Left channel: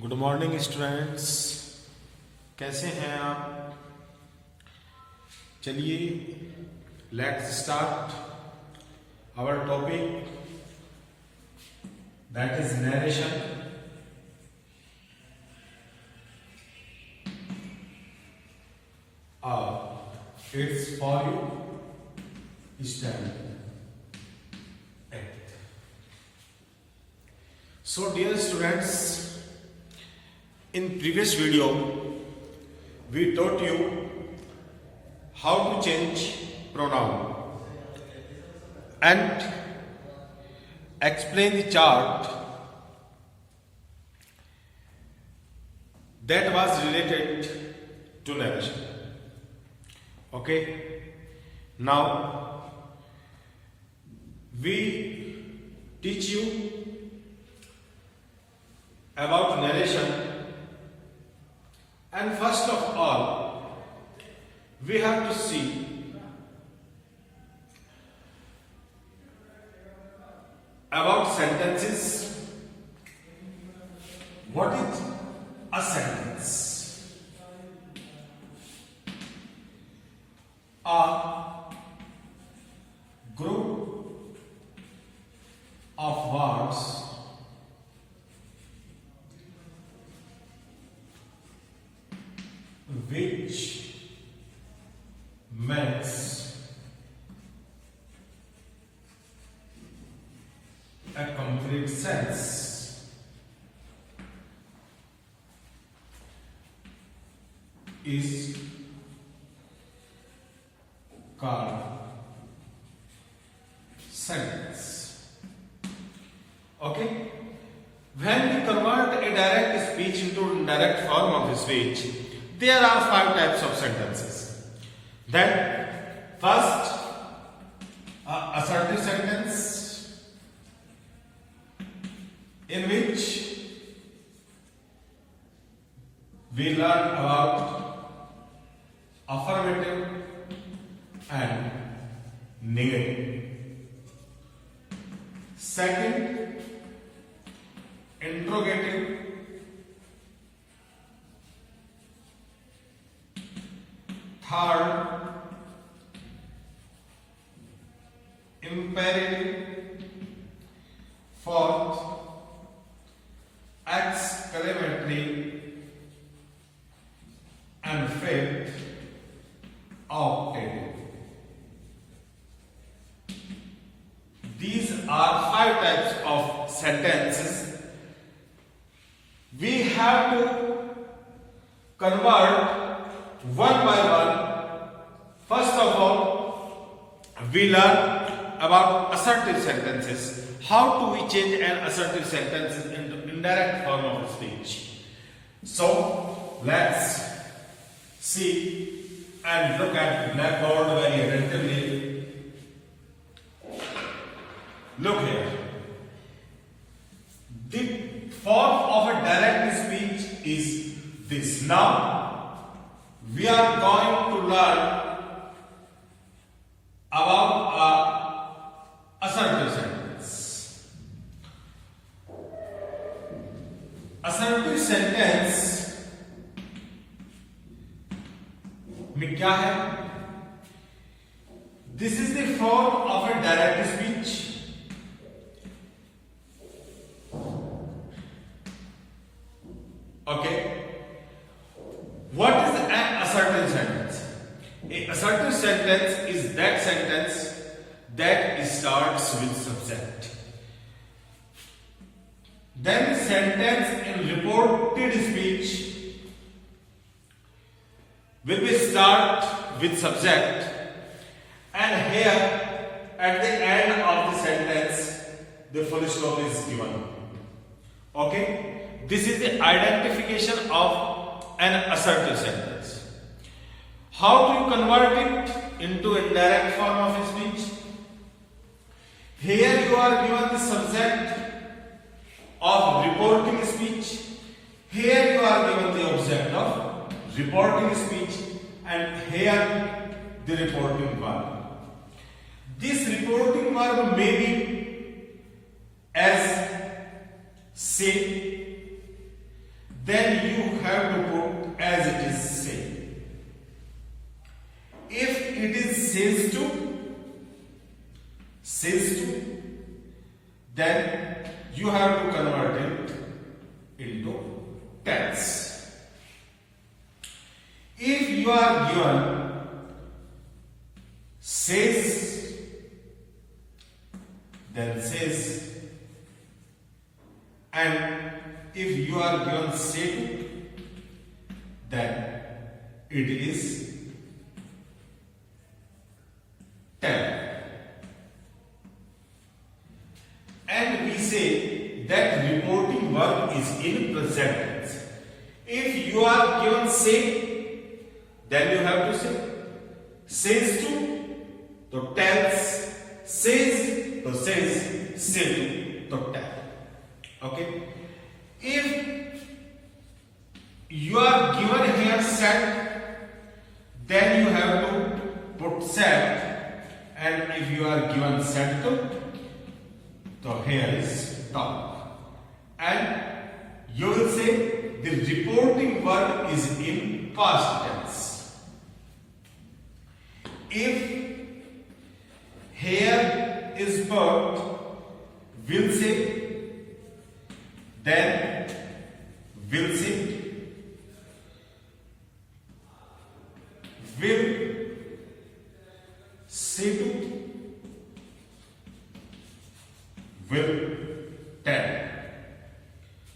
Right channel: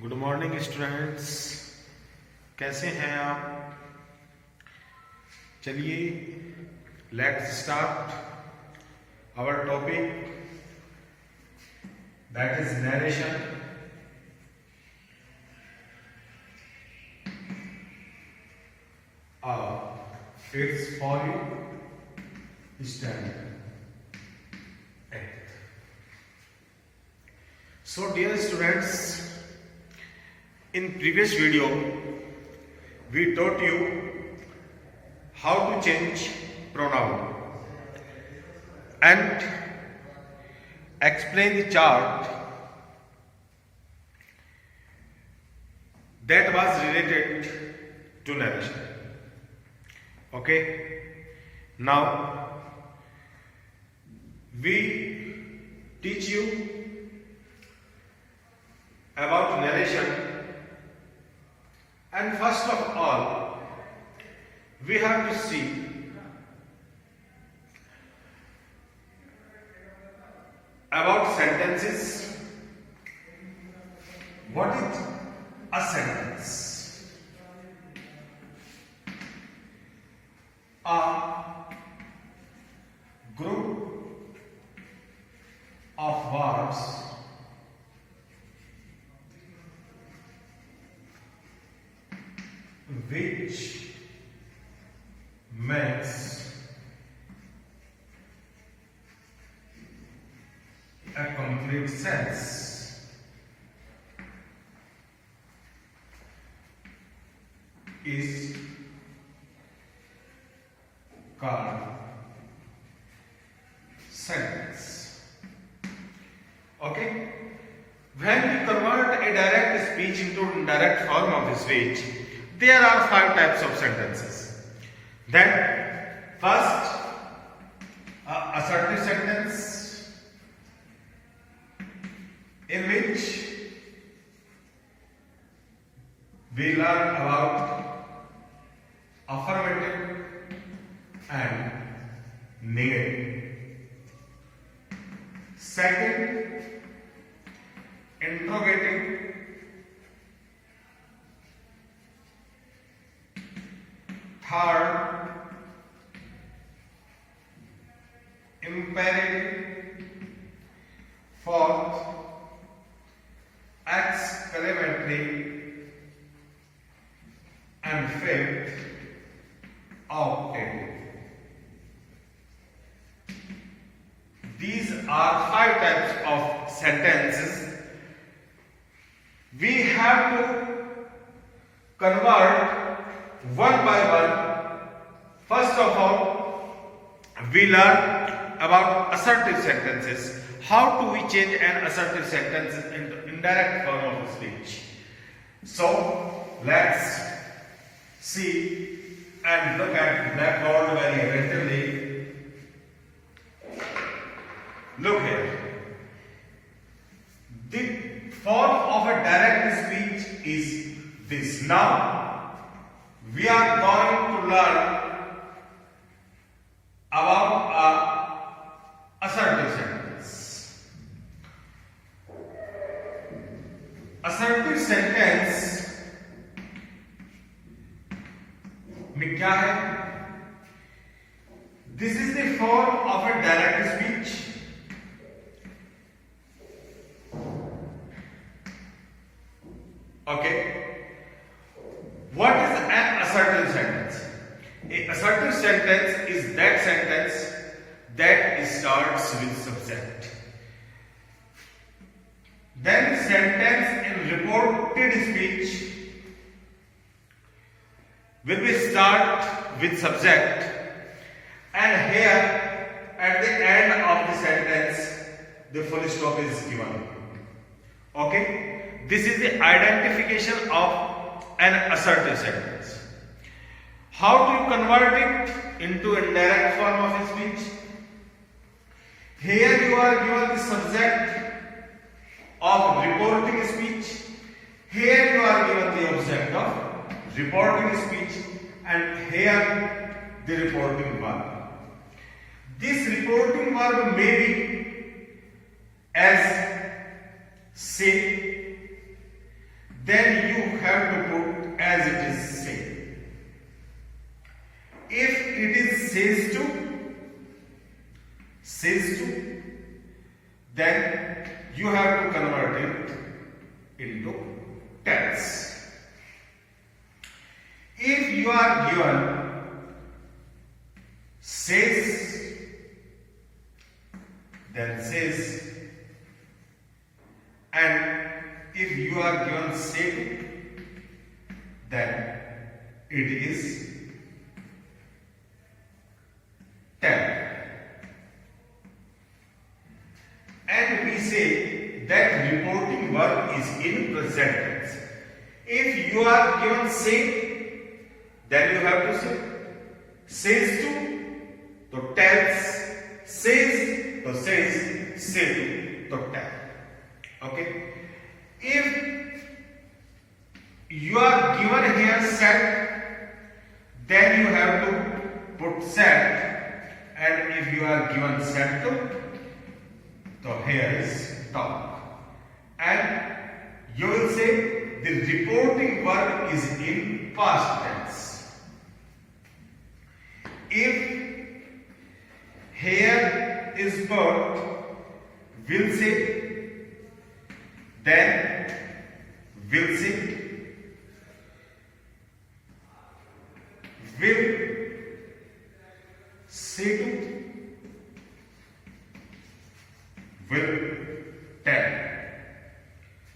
Good morning students, कैसे हैं आप। चलिए let's start our topic that is narration. It's for you stand 8th. So dear students, in previous video we taught you how to change pronoun and explain the chart that was related to narration. Okay, now we teach you about narration, and first of all we have to see about sentences. What is a sentence? A group of words which makes a complete sense is called sentence. Okay, when we convert a direct speech into indirect form of speech, there are 5 types of sentences. Then first, assertive sentence, in which we learn about affirmative and negative. Second, interrogative. Third, imperative. Fourth, exclamatory. And fifth, octative. These are 5 types of sentences. We have to convert one by one. First of all, we learn about assertive sentences. How do we change an assertive sentence into indirect form of speech? So let's see and look at blackboard very attentively. Look here. The form of a direct speech is this. Now we are going to learn about a assertive sentence. Assertive sentence में क्या है? This is the form of a direct speech. Okay. What is an assertive sentence? A assertive sentence is that sentence that starts with subject. Then sentence in reported speech will be start with subject, and here at the end of the sentence the full stop is given. Okay, this is the identification of an assertive sentence. How do you convert it into indirect form of speech? Here you are given the subject of reporting speech. Here you are given the object of reporting speech, and here the reporting verb. This reporting verb may be as say, then you have to put as it is say. If it is says to, then you have to convert it into tells. If you are given says, then says, and if you are given say to, then it is tell. And we say that reporting verb is in present tense. If you are given say, then you have to say. Says to tells, says to says, say to tell. Okay? If you are given here set, then you have to put set, and if you are given set to, so here is talk. And you will say the reporting verb is in past tense. If here is put will say, then will say, will say to, will tell,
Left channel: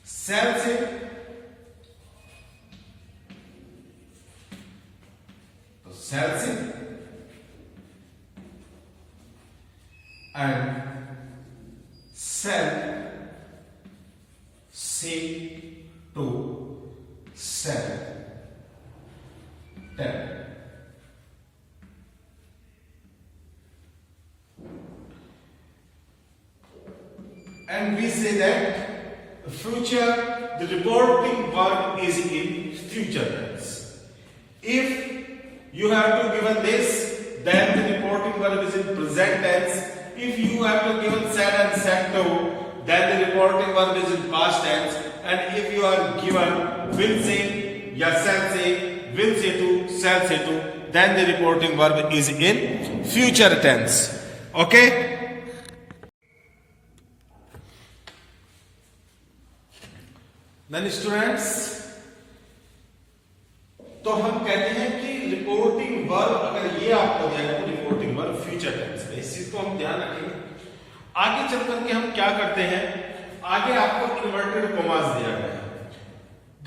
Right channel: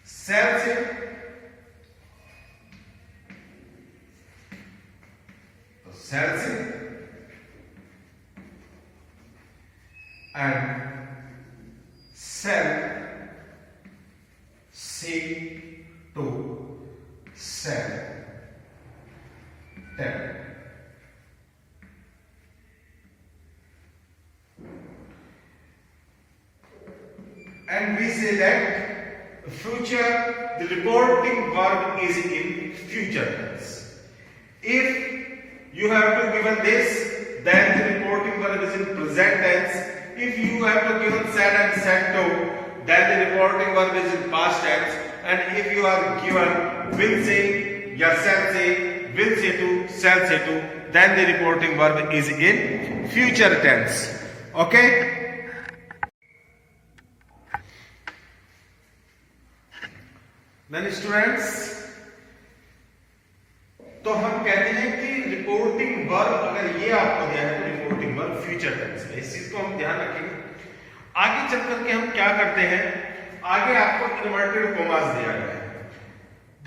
shall say, shall say, and shall say to, shall tell. And we say that future, the reporting verb is in future tense. If you have to given this, then the reporting verb is in present tense. If you have to given said and said to, then the reporting verb is in past tense. And if you are given will say, ya shall say, will say to, shall say to, then the reporting verb is in future tense. Okay? Then students, तो हम कहते हैं कि reporting verb अगर ये आपको दिया है तो रिपोर्टिंग वर्ब फ्यूचर टेंस में, इस चीज को हम ध्यान रखेंगे। आगे चल करके हम क्या करते हैं, आगे आपको इन्वर्टेड कॉमास दिया गया है,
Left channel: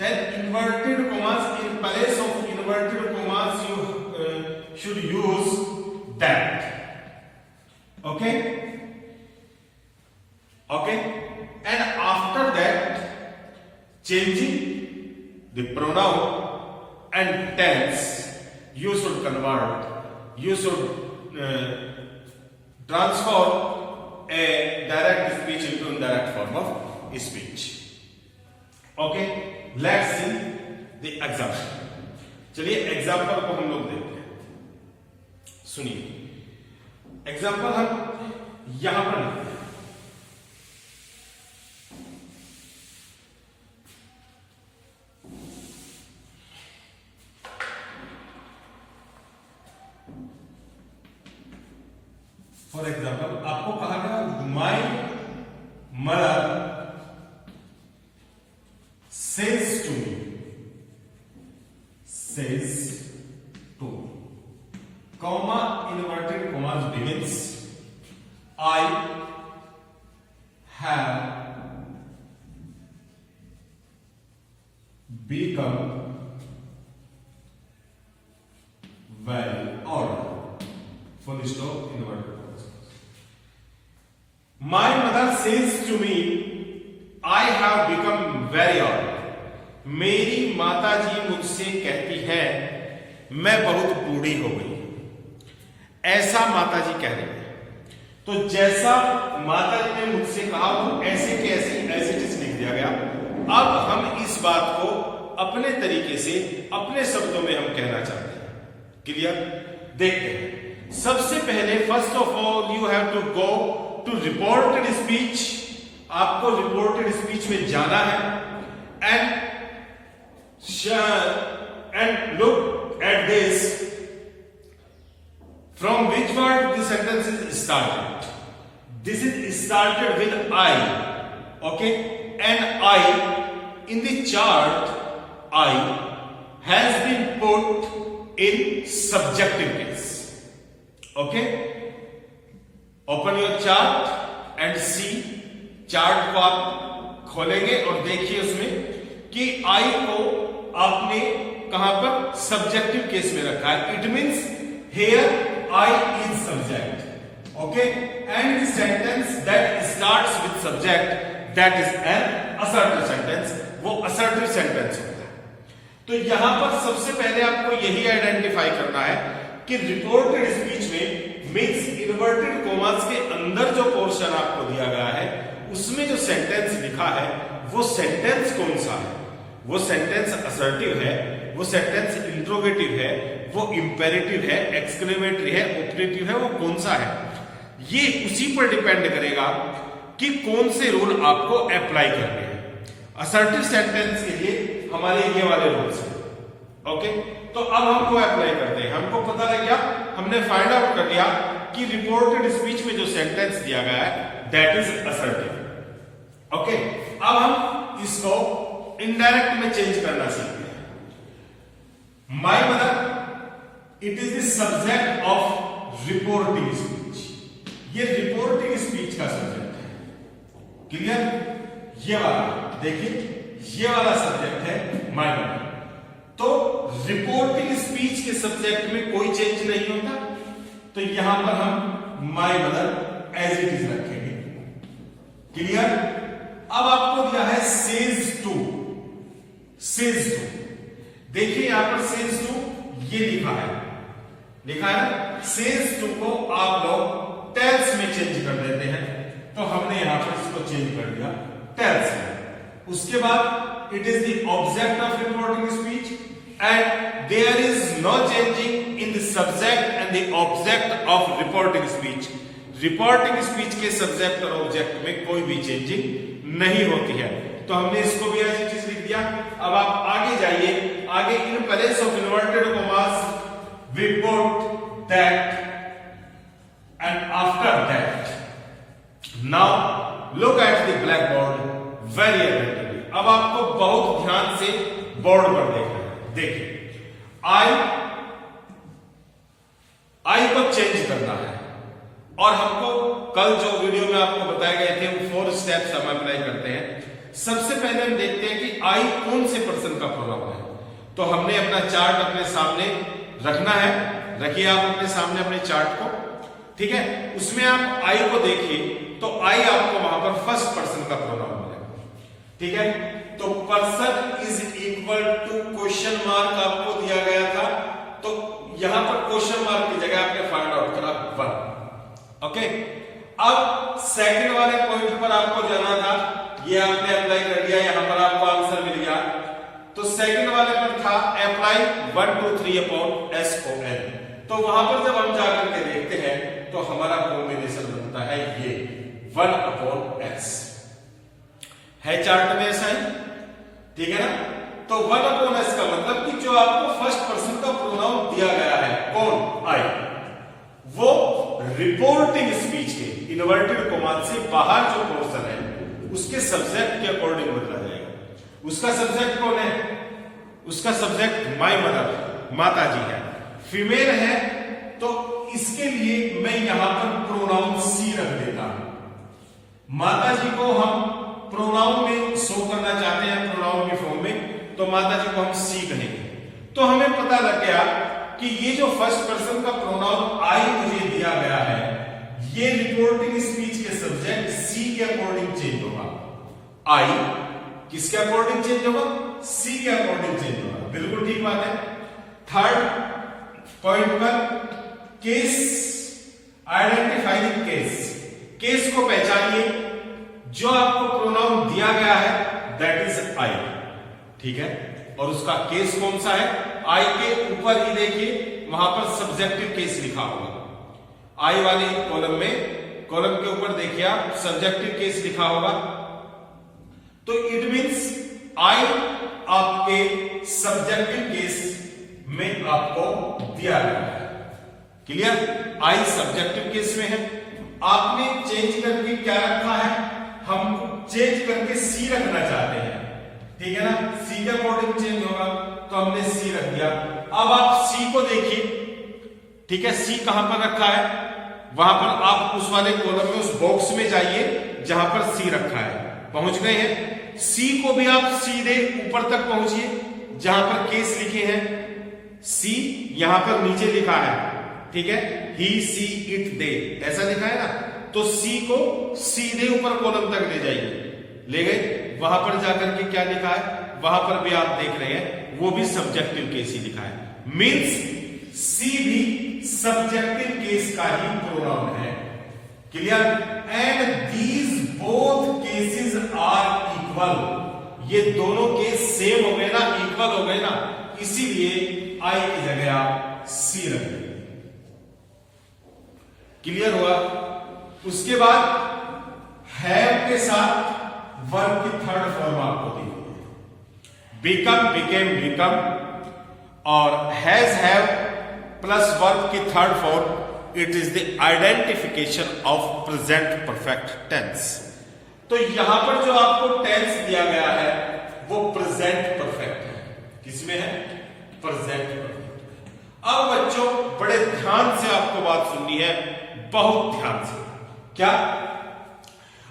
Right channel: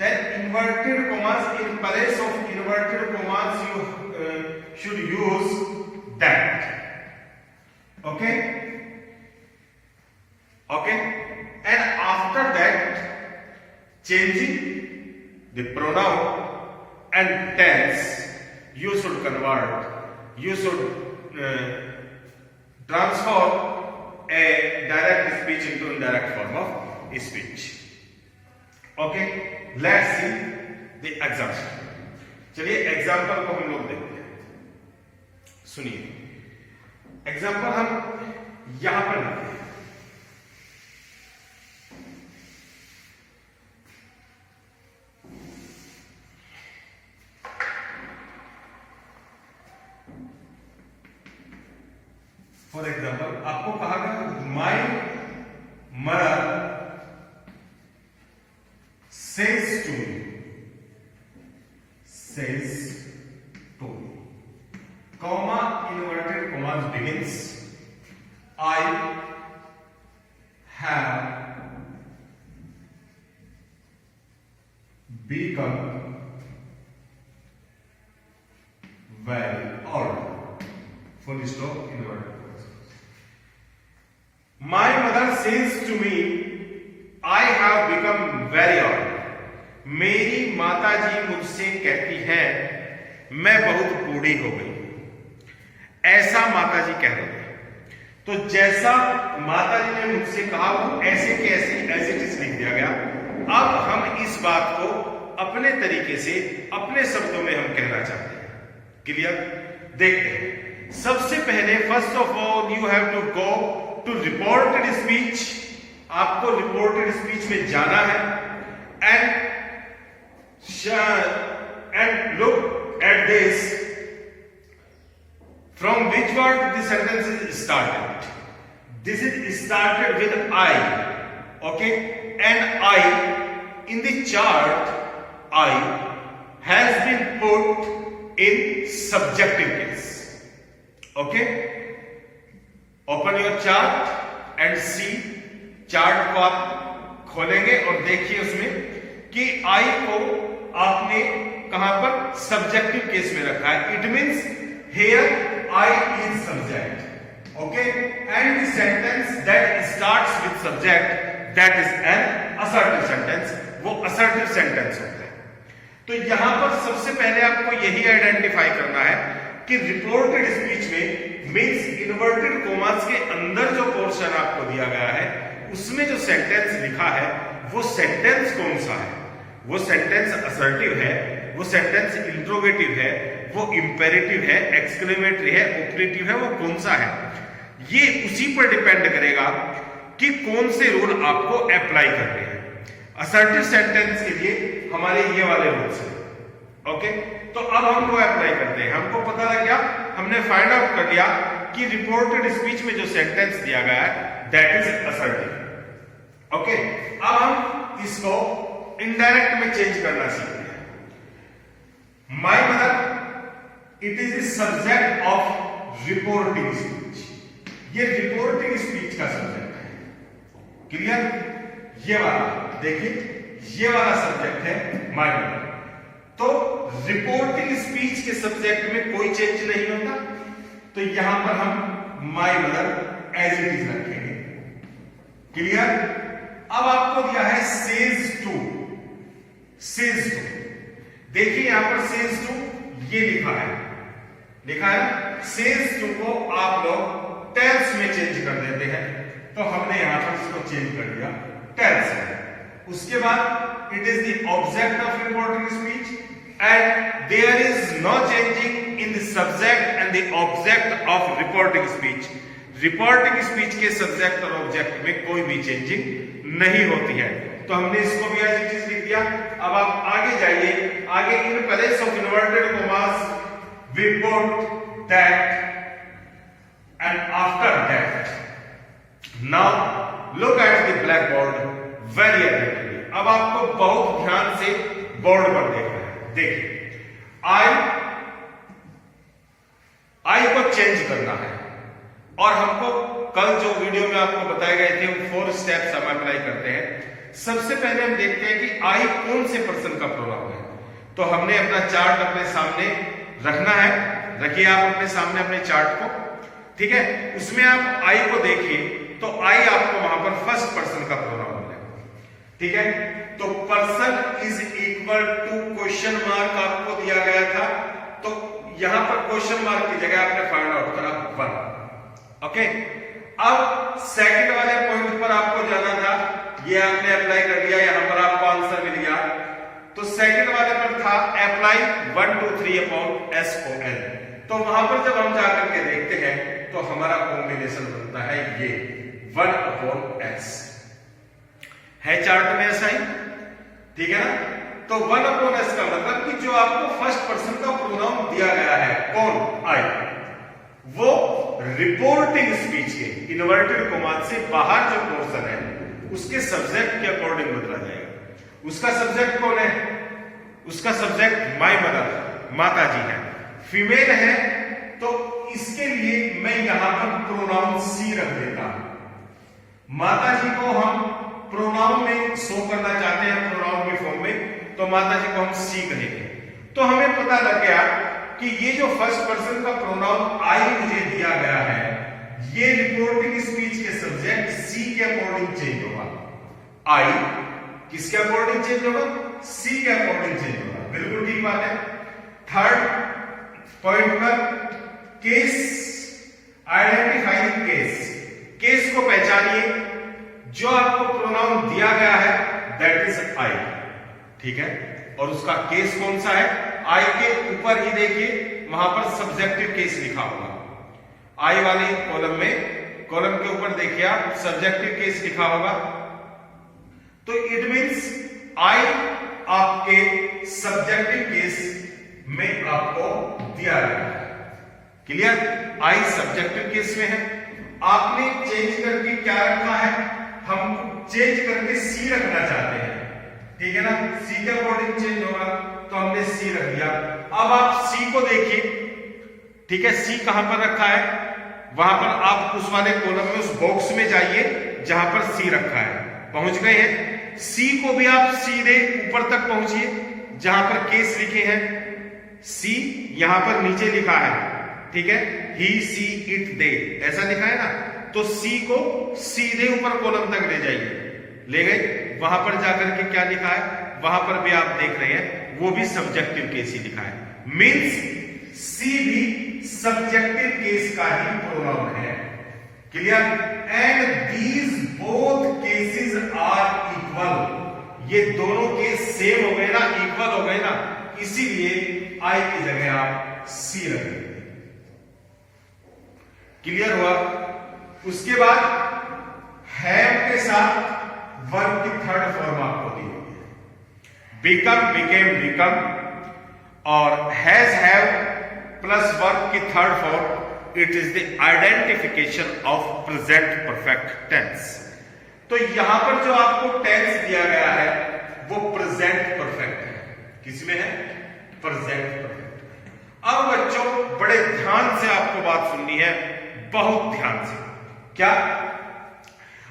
then inverted commas in place of inverted commas you should use that. Okay okay, and after that changing the pronoun and tense, you should convert, you should transform a direct speech into indirect form of speech. Okay, let's see the example. चलिए example को हम लोग देखते हैं, सुनिए। Example हम यहां पर लिखते हैं, फॉर एग्जाम्पल आपको कहा गया my mother says to me, comma inverted commas begins, I have become very old, full stop inverted. My mother says to me, I have become very old. मेरी माता जी मुझसे कहती है मैं बहुत बूढ़ी हो गई, ऐसा माता जी कह रही है। तो जैसा माता जी ने मुझसे कहा वो ऐसे के ऐसे एज इट इज लिख दिया गया। अब हम इस बात को अपने तरीके से अपने शब्दों में हम कहना चाहते हैं। क्लियर? देखते हैं। सबसे पहले first of all you have to go to reported speech, आपको रिपोर्टेड स्पीच में जाना है। And And look at this. From which word the sentence is started? This is started with I. Okay? And I, in the chart, I has been put in subjective case. Okay? Open your chart and see. Chart को आप खोलेंगे और देखिए उसमें कि आई को आपने कहां पर सब्जेक्टिव केस में रखा है. It means here I is subject. Okay? And the sentence that starts with subject that is an assertive sentence. वो असर्टिव सेंटेंस होता है. तो यहां पर सबसे पहले आपको यही आइडेंटिफाई करना है कि रिपोर्टेड स्पीच में मीन्स इन्वर्टेड कोमास के अंदर जो पोर्शन आपको दिया गया है उसमें जो सेंटेंस लिखा है वो सेंटेंस कौन सा है. वो सेंटेंस असर्टिव है, वो सेंटेंस इंट्रोगेटिव है, वो इंपेरेटिव है, एक्सक्लेमेटरी है, ऑपरेटिव है, वो कौन सा है. ये उसी पर डिपेंड करेगा कि कौन से रूल आपको अप्लाई करने हैं. असर्टिव सेंटेंस के लिए हमारे ये वाले रूल्स हैं. ओके? तो अब हम वो अप्लाई करते हैं. हमको पता लग गया, हमने फाइंड आउट कर लिया कि रिपोर्टेड स्पीच में जो सेंटेंस दिया गया है दैट इज असर्टिव. ओके? अब हम इसको इनडायरेक्ट में चेंज करना सीखते हैं. My mother it is the subject of reporting speech. ये रिपोर्टिंग स्पीच का सब्जेक्ट है. क्लियर? ये वाला देखिए, ये वाला सब्जेक्ट है माय मदर. तो रिपोर्टिंग स्पीच के सब्जेक्ट में कोई चेंज नहीं होता. तो यहां पर हम my mother as it is रखेंगे. क्लियर? अब आपको दिया है सेज टू. सेज टू देखिए यहां पर सेज टू ये लिखा है ना. सेज टू को आप लोग टेल्स में चेंज कर देते हैं. तो हमने यहां पर इसको चेंज कर दिया टेल्स में. उसके बाद it is the object of reporting speech and there is no changing in the subject and the object of reporting speech. Reporting speech के सब्जेक्ट और ऑब्जेक्ट में कोई भी चेंजिंग नहीं होती है. तो हमने इसको भी ऐसी चीज लिख दिया. अब आप आगे जाइए. आगे in place of inverted commas we put that and after that. Now look at the black board very attentively. अब आपको बहुत ध्यान से बोर्ड पर देखना है. देखिए, आई को चेंज करना है और हमको कल जो वीडियो में आपको बताए गए थे वो 4 स्टेप्स हम अप्लाई करते हैं. सबसे पहले हम देखते हैं कि आई कौन से पर्सन का प्रोनाउन है. तो हमने अपना चार्ट अपने सामने रखना है. रखिए आप अपने सामने अपने चार्ट को. ठीक है? उसमें आप आई को देखिए तो आई आपको वहां पर फर्स्ट पर्सन का प्रोनाउन मिलेगा. ठीक है? तो person is equal to question mark आपको दिया गया था. तो यहां पर क्वेश्चन मार्क की जगह आपने फाइंड आउट करा 1. ओके? अब सेकंड वाले पॉइंट पर आपको जाना था. ये आपने अप्लाई कर दिया. यहां पर आपको आंसर मिल गया. तो सेकंड वाले पर था अप्लाई 1 2 3 अपॉन SON. तो वहां पर जब हम जाकर के देखते हैं तो हमारा कॉम्बिनेशन बनता है ये 1 अपॉन S. है चार्ट में ऐसा ही. ठीक है ना? तो 1 अपॉन S का मतलब कि जो आपको फर्स्ट पर्सन का प्रोनाउन दिया गया है कौन? आई. वो रिपोर्टिंग स्पीच के इन्वर्टेड कॉमा से बाहर जो पोर्शन है उसके सब्जेक्ट के अकॉर्डिंग बदला जाएगा. उसका सब्जेक्ट कौन है? उसका सब्जेक्ट माय मदर, माता जी है. फीमेल है तो इसके लिए मैं यहां पर प्रोनाउन सी रख देता हूं. माता जी को हम प्रोनाउन में शो करना चाहते हैं प्रोनाउन के फॉर्म में, तो माता जी को हम सी कहेंगे. तो हमें पता लग गया कि ये जो फर्स्ट पर्सन का प्रोनाउन आई मुझे दिया गया है ये रिपोर्टिंग स्पीच के सब्जेक्ट सी के अकॉर्डिंग चेंज होगा. आई किसके अकॉर्डिंग चेंज होगा? सी के अकॉर्डिंग चेंज होगा. बिल्कुल ठीक बात है. थर्ड पॉइंट पर केस, आइडेंटिफाइंग केस. केस को पहचानिए. जो आपको प्रोनाउन दिया गया है दैट इज आई. ठीक है? और उसका केस कौन सा है? आई के ऊपर ही देखिए वहां पर सब्जेक्टिव केस लिखा होगा. आई वाली कॉलम में, कॉलम के ऊपर देखिए आप सब्जेक्टिव केस लिखा होगा. तो इट मींस आई आपके सब्जेक्टिव केस में आपको दिया गया है। क्लियर? आई सब्जेक्टिव केस में है, आपने चेंज करके क्या रखा है, हम चेंज करके सी रखना चाहते हैं, ठीक है ना, सी के अकॉर्डिंग चेंज होगा तो हमने सी रख दिया। अब आप सी को देखिए, ठीक है, सी कहां पर रखा है, वहां पर आप उस वाले कॉलम में, उस बॉक्स में जाइए जहां पर सी रखा है, पहुंच गए हैं। सी को भी आप सीधे ऊपर तक पहुंचिए जहां पर केस लिखे हैं, सी यहां पर नीचे लिखा है, ठीक है, ही सी इट दे ऐसा लिखा है ना, तो सी को सीधे ऊपर कॉलम तक ले जाइए, ले गए, वहां पर जाकर के क्या लिखा है, वहां पर भी आप देख रहे हैं, वो भी सब्जेक्टिव केस ही लिखा है, मींस सी भी सब्जेक्टिव केस का ही प्रोनाउन है। Clear? And these both cases are equal, ये दोनों केस सेम हो गए ना, इक्वल हो गए ना, इसीलिए आई की जगह आप सी रख देंगे। क्लियर हुआ? उसके बाद हैव के साथ वर्ब की थर्ड फॉर्म आपको दी हुई है, बिकम, बिकेम, बिकम, और हैज, हैव प्लस वर्ब की third form, it is the identification of present perfect tense. तो यहां पर जो आपको टेंस दिया गया है वो प्रेजेंट परफेक्ट है, किसमें है, प्रेजेंट परफेक्ट। अब बच्चों बड़े ध्यान से आपको बात सुननी है, बहुत ध्यान से। क्या?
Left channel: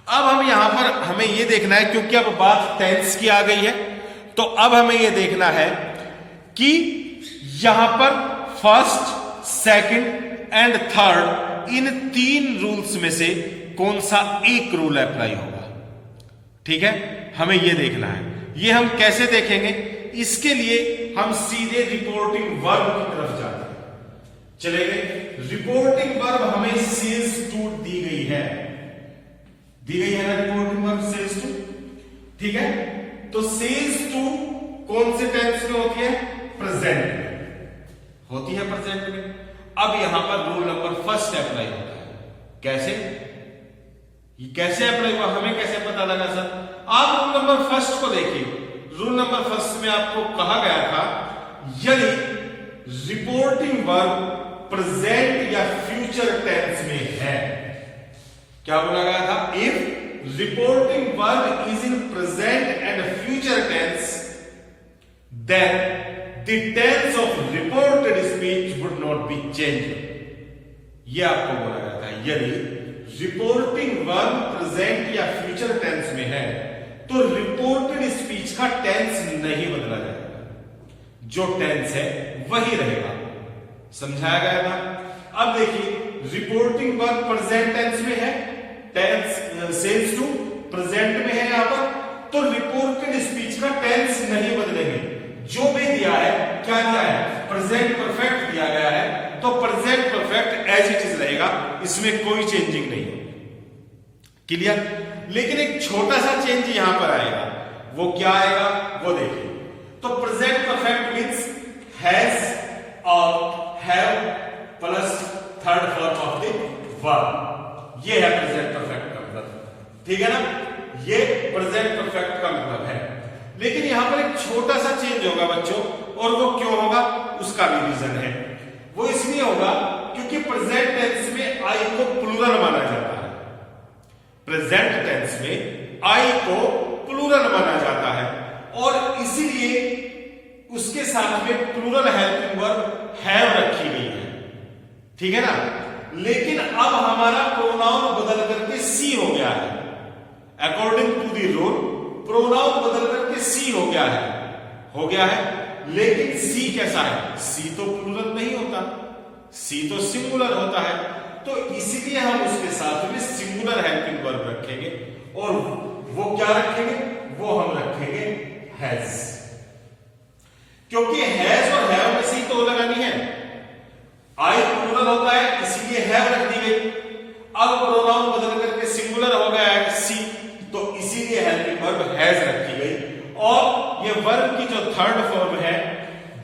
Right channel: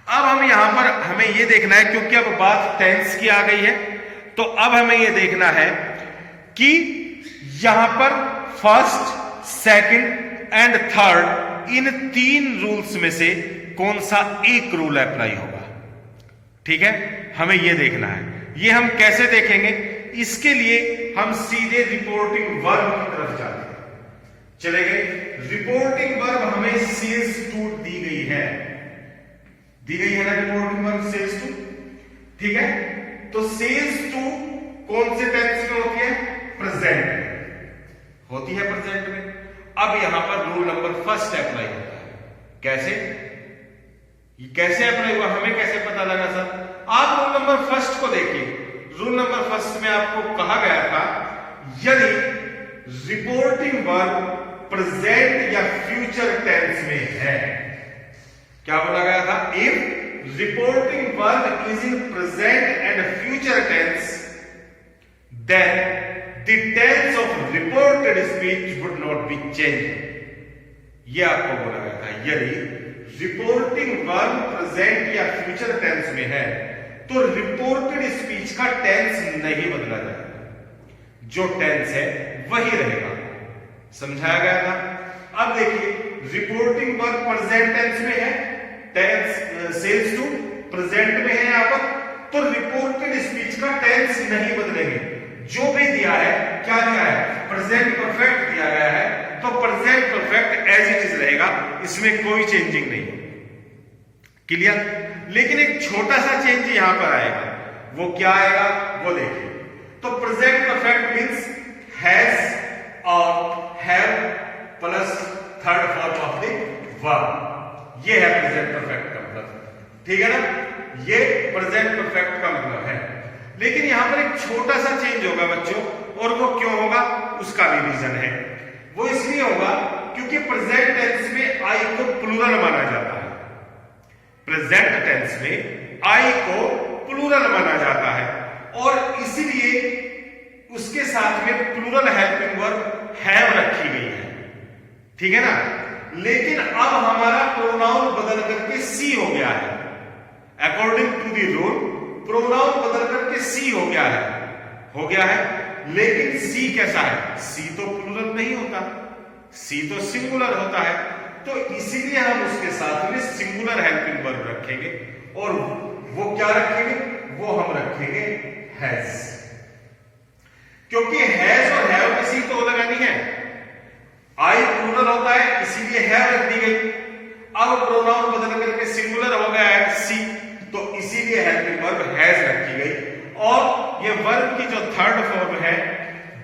अब हम यहां पर हमें यह देखना है, क्योंकि अब बात टेंस की आ गई है, तो अब हमें यह देखना है कि यहां पर फर्स्ट, सेकंड एंड थर्ड, इन तीन रूल्स में से कौन सा एक रूल अप्लाई होगा। ठीक है, हमें यह देखना है। यह हम कैसे देखेंगे? इसके लिए हम सीधे रिपोर्टिंग वर्ब की तरफ जाते हैं। चले गए, रिपोर्टिंग वर्ब हमें सेज टू दी गई है, दी गई है ना रिपोर्टिंग वर्ब सेज टू, ठीक है। तो सेज टू कौन से टेंस में होती है? प्रेजेंट में होती है, प्रेजेंट में। अब यहां पर रूल नंबर फर्स्ट अप्लाई होता है। कैसे? ये कैसे अप्लाई हुआ, हमें कैसे पता लगा सर? आप रूल नंबर फर्स्ट को देखिए। रूल नंबर फर्स्ट में आपको कहा गया था, यदि रिपोर्टिंग वर्ब प्रेजेंट या फ्यूचर टेंस में है, क्या बोला गया था? If reporting verb is in present and future tense, then the tense of reported speech would not be changed. यह आपको बोला गया था, यदि रिपोर्टिंग वर्ब प्रेजेंट या फ्यूचर टेंस में है तो रिपोर्टेड स्पीच का टेंस नहीं बदला जाएगा, जो टेंस है वही रहेगा। समझाया गया था। अब देखिए, रिपोर्टिंग वर्ब प्रेजेंट टेंस में है, टेंस सेल्स टू प्रेजेंट में है यहां पर, तो रिपोर्टेड स्पीच का टेंस नहीं बदलेंगे। जो भी दिया है, क्या दिया है? प्रेजेंट परफेक्ट दिया गया है, तो present perfect as it is रहेगा, इसमें कोई चेंजिंग नहीं होगी। क्लियर? लेकिन एक छोटा सा चेंज यहां पर आएगा, वो क्या आएगा वो देखिए। तो प्रेजेंट परफेक्ट मींस हैज और have plus third form of the verb, ये है प्रेजेंट परफेक्ट का मतलब। ठीक है ना, ये प्रेजेंट परफेक्ट का मतलब है। लेकिन यहां पर एक छोटा सा चेंज होगा बच्चों, और वो क्यों होगा उसका भी रीजन है। वो इसलिए होगा क्योंकि प्रेजेंट टेंस में आई को प्लूरल माना जाता है। प्रेजेंट टेंस में आई को प्लूरल माना जाता है, और इसीलिए उसके साथ में प्लूरल हेल्पिंग वर्ब हैव रखी गई है। ठीक है ना। लेकिन अब हमारा प्रोनाउन बदल करके सी हो गया है। According to the rule pronoun बदल करके सी हो गया है, लेकिन सी कैसा है? सी तो प्लूरल नहीं होता, सी तो सिंगुलर होता है, तो इसीलिए हम उसके साथ में सिंगुलर हेल्पिंग वर्ब रखेंगे, और वो क्या रखेंगे? वो हम रखेंगे हैज, क्योंकि हैज और हैव में सी तो लगानी है। आई प्लूरल होता है, इसीलिए हैव रख दी गई। अब प्रोनाउन बदल करके सिंगुलर हो गया है सी, तो इसीलिए हेल्पिंग वर्ब हैज रखी गई, और ये वर्ब की जो थर्ड फॉर्म है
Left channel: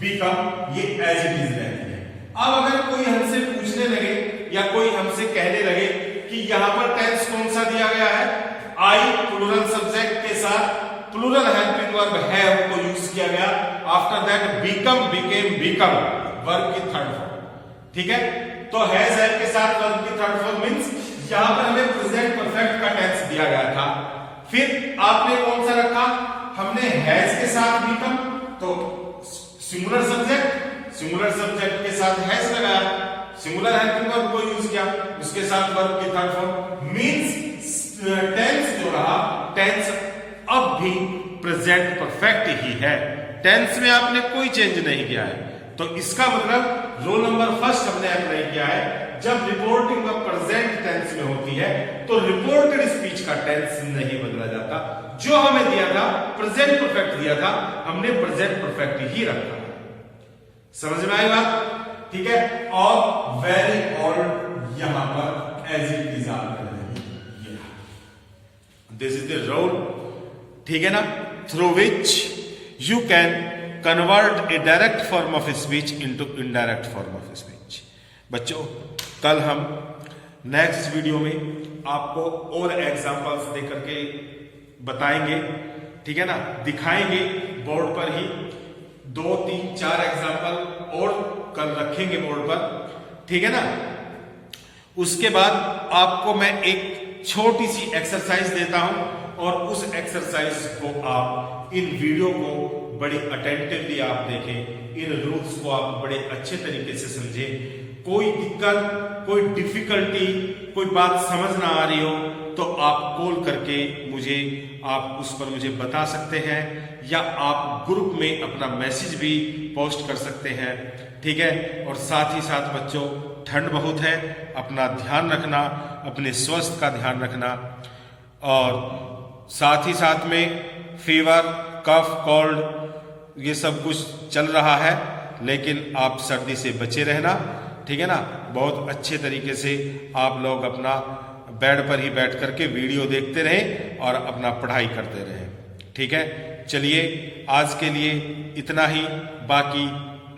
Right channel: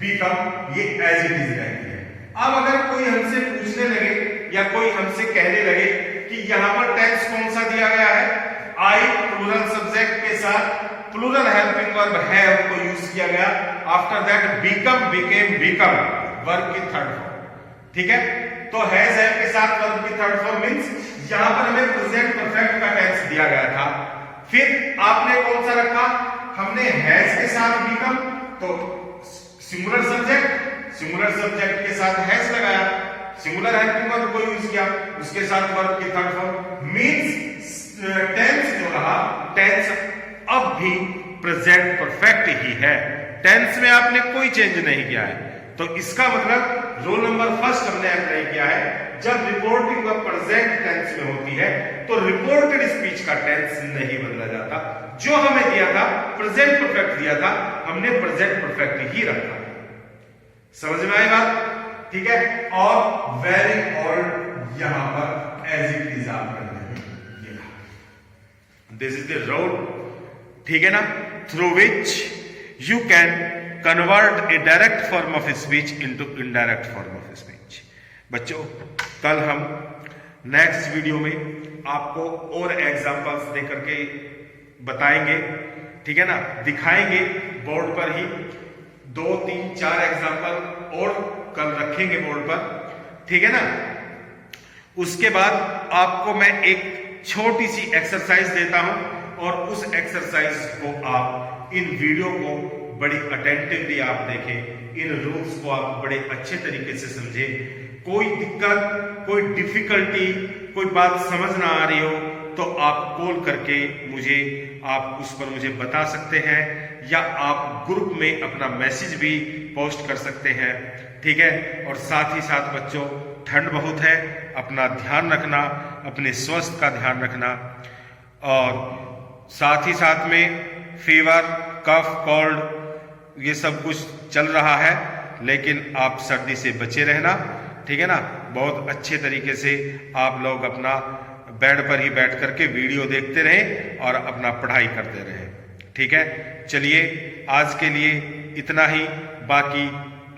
बिकम, ये एज इट इज रहती है। अब अगर कोई हमसे पूछने लगे या कोई हमसे कहने लगे कि यहां पर टेंस कौन सा दिया गया है? आई प्लूरल सब्जेक्ट के साथ प्लूरल हेल्पिंग वर्ब हैव को यूज किया गया। After that become, became, become verb की थर्ड फॉर्म। ठीक है, तो हैज हैव के साथ वर्ब की थर्ड फॉर्म मींस यहां पर हमें प्रेजेंट परफेक्ट का टेंस दिया गया था। फिर आपने कौन सा रखा, हमने हैज के साथ बिकम, तो सिंगुलर सब्जेक्ट के साथ हैज लगाया, सिंगुलर हेल्पिंग वर्ब को यूज किया, उसके साथ वर्ब की थर्ड फॉर्म मींस टेंस जो रहा, टेंस अब भी प्रेजेंट परफेक्ट ही है, टेंस में आपने कोई चेंज नहीं किया है। तो इसका मतलब रोल नंबर फर्स्ट हमने अप्लाई किया है। जब रिपोर्टिंग वर्ब प्रेजेंट टेंस में होती है तो रिपोर्टेड स्पीच का टेंस नहीं बदला जाता। जो हमें दिया था प्रेजेंट परफेक्ट दिया था, हमने प्रेजेंट परफेक्ट ही रखा। समझ में आई बात? ठीक है, और वेरी ओल्ड यहां पर एज इट इज आप कर लेंगे, दिस इज द रोड, ठीक है ना, through which you can convert A direct form of speech into indirect form of speech. बच्चों, कल हम नेक्स्ट वीडियो में आपको और एग्जांपल्स दे करके बताएंगे, ठीक है ना, दिखाएंगे बोर्ड पर ही 2, 3, 4 एग्जांपल और कल रखेंगे बोर्ड पर, ठीक है ना। उसके बाद आपको मैं एक छोटी सी एक्सरसाइज देता हूं और उस एक्सरसाइज को आप इन वीडियो को बड़ी अटेंटिवली आप देखें, इन रूल्स को आप बड़े अच्छे तरीके से समझें। कोई दिक्कत, कोई डिफिकल्टी, कोई बात समझ ना आ रही हो तो आप कॉल करके मुझे, आप उस पर मुझे बता सकते हैं, या आप ग्रुप में अपना मैसेज भी पोस्ट कर सकते हैं, ठीक है। और साथ ही साथ बच्चों, ठंड बहुत है, अपना ध्यान रखना, अपने स्वास्थ्य का ध्यान रखना, और साथ ही साथ में फीवर, कफ, कोल्ड ये सब कुछ चल रहा है, लेकिन आप सर्दी से बचे रहना, ठीक है ना। बहुत अच्छे तरीके से आप लोग अपना बेड पर ही बैठ करके वीडियो देखते रहें और अपना पढ़ाई करते रहें, ठीक है। चलिए, आज के लिए इतना ही, बाकी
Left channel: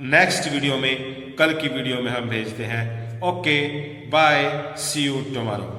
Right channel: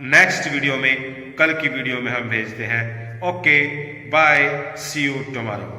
नेक्स्ट वीडियो में, कल की वीडियो में हम भेजते हैं। Okay, bye, see you tomorrow.